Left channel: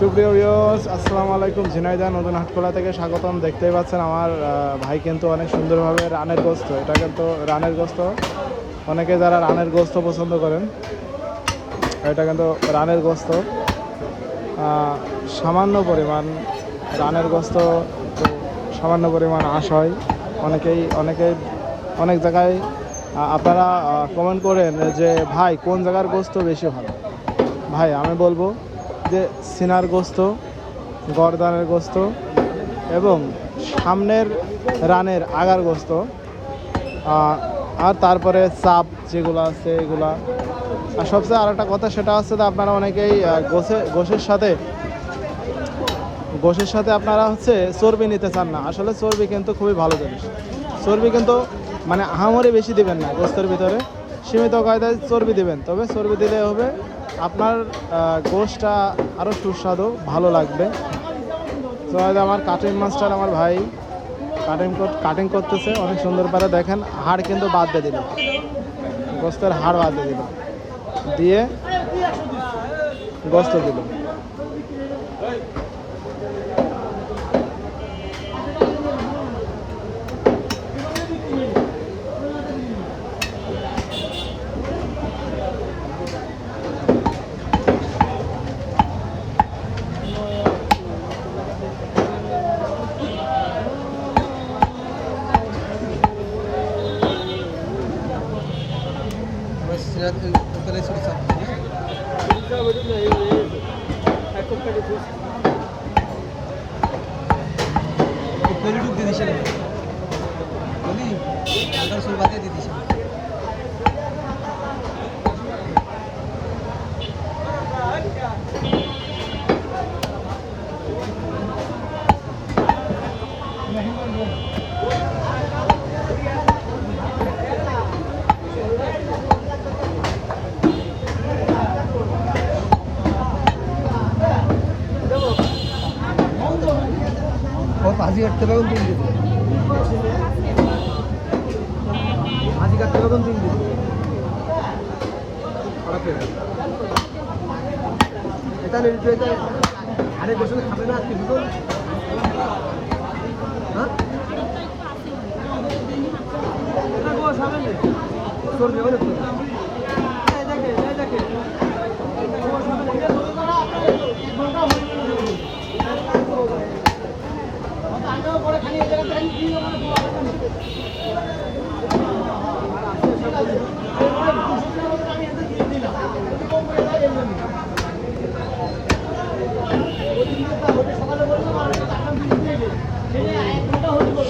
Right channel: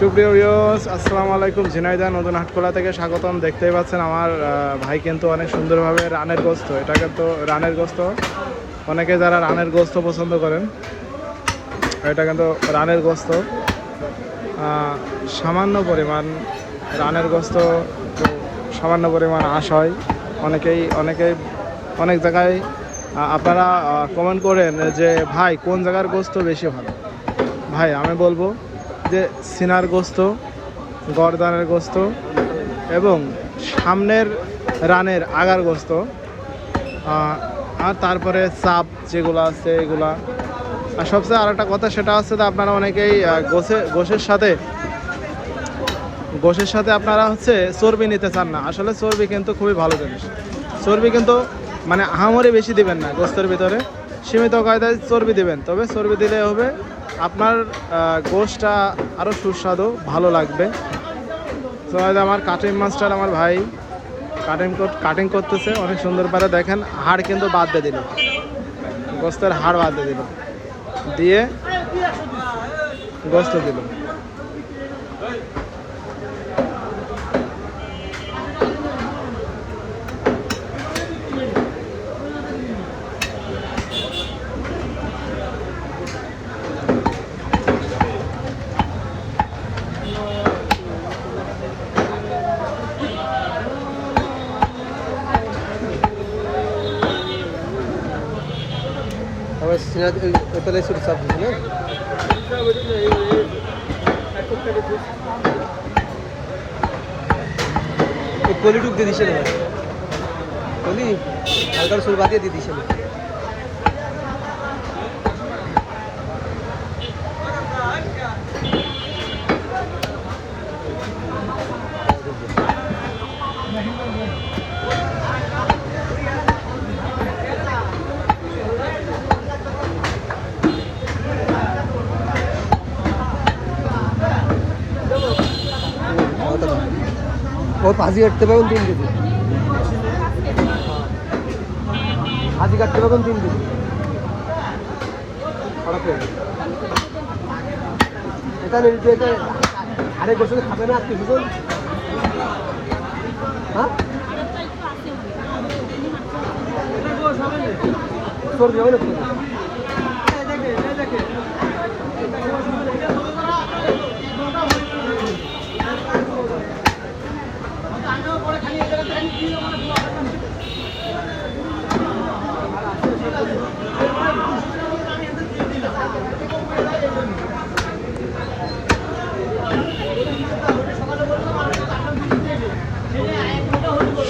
সুপ্রিয় ভিউয়ার্স, আসসালামু আলাইকুম। ঝিনাইদহ নতুন হাটখোলা থেকে স্বাগতম। দেখতেই পাচ্ছেন আমার ভাই কিন্তু অনেক সুন্দরভাবে রানের গোস্ত, এটা কিন্তু রানের গোস্ত, অনেকে যারা রানের গোস্ত পছন্দ করেন, এটা কিন্তু রানের গোস্ত। সামান্য পরিমাণ রানের গোস্ত, তো সামান্য পরিমাণ আঁশ হয়। অনেকেই অনেক জায়গায় আপনারা কমেন্ট করেন যে ভাই কোন জায়গার গোস্ত বেশি ভালো। ভাই আমি বলবো যে সিনার গোস্ত, গরদানের গোস্ত এবং সামনের রানের আগার গোস্ত, আর তারপরে চাপ যেগুলো আছে এগুলা। আর সবচেয়ে আরেকটা কথা সেটা হচ্ছে যে আপনারা অনেকেই গোশের সাথে আপনারা হচ্ছে চর্বি নিতে চান না। আসলে চর্বি কিন্তু খুবই ভালো জিনিস। চর্বি কিন্তু মানে আহামরি বেশি দিবেন না, গোস্তের ভিতরে সীমিত কায়দায় চর্বি দিবেন, তবে চর্বি দিলে হবে আপনার গোশটা আরও সুস্বাদু ভালো লাগবে। তো আমার কাটিং মাস্টার আমার ভাই কাটিং করতেছে অনেক সুন্দর পারে। দেখেন হাড় কিন্তু বাদ দিয়ে দিল, গোস্তের হাড় বাদ দিয়ে দিল, দিয়ে গোস্ত দিল। কলিটুক দিয়ে দিছে না, কলি হালকার সুর বাদ দিয়ে দিছে না। ভাজি কাটতে পারবেন 3 কেজি, ভাজি কাটতে পারবেন 3 কেজি। এটা নিয়ে এটা আরেক বছর খাবে না আজকে বুঝুন। হ্যাঁ তোর যাবে না।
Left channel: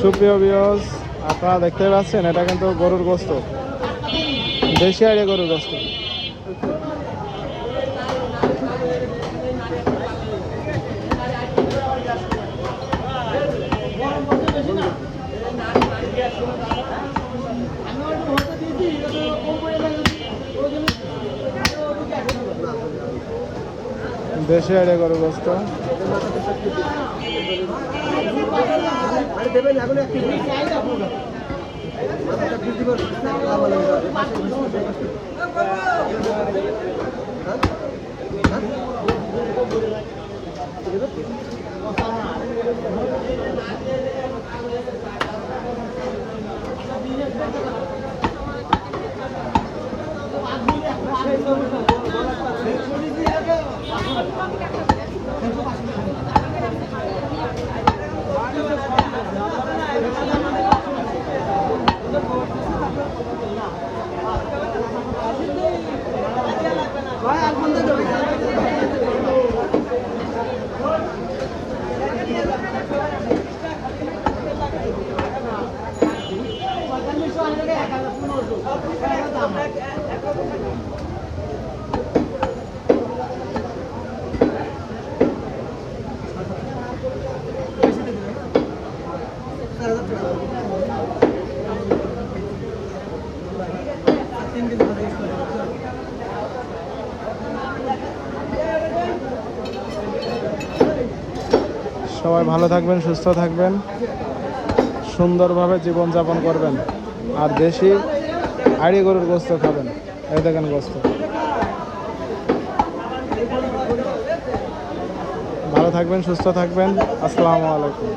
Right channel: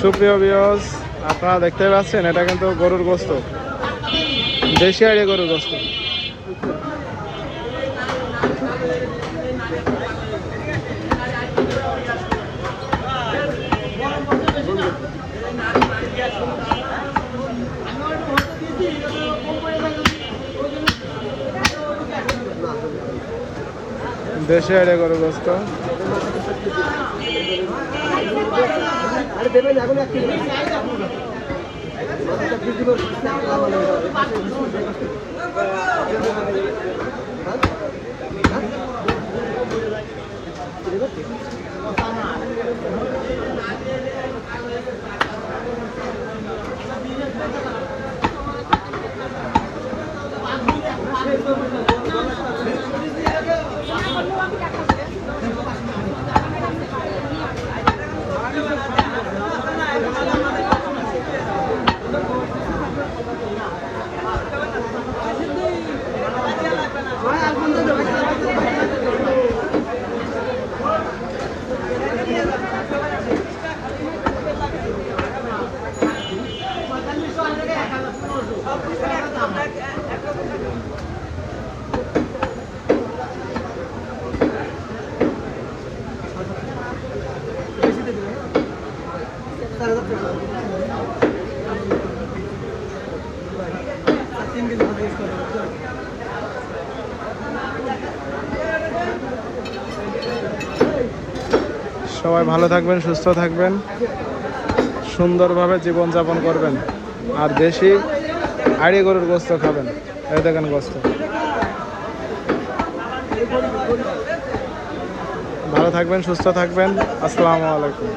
সুপ্রিয় ভিউয়ার্স, আপনারা দেখতে পাচ্ছেন এটা কিন্তু গরুর গোস্ত, দেশি আইডিয়া গরুর গোস্ত। দেশি আইডিয়া গরুর গোস্ত। আরে দেবেন এখন এক কেজি মাথাটা বৃদ্ধি করে সবাই ভালো থাকবেন, সুস্থ থাকবেন, সুন্দরভাবে জীবনযাপন করবেন, আর বেশি আড়ি গরুর গোস্ত খাবেন। এই দেখেন গোস্ত। ভালো থাকবেন, সুস্থ থাকবেন। আসসালামু আলাইকুম।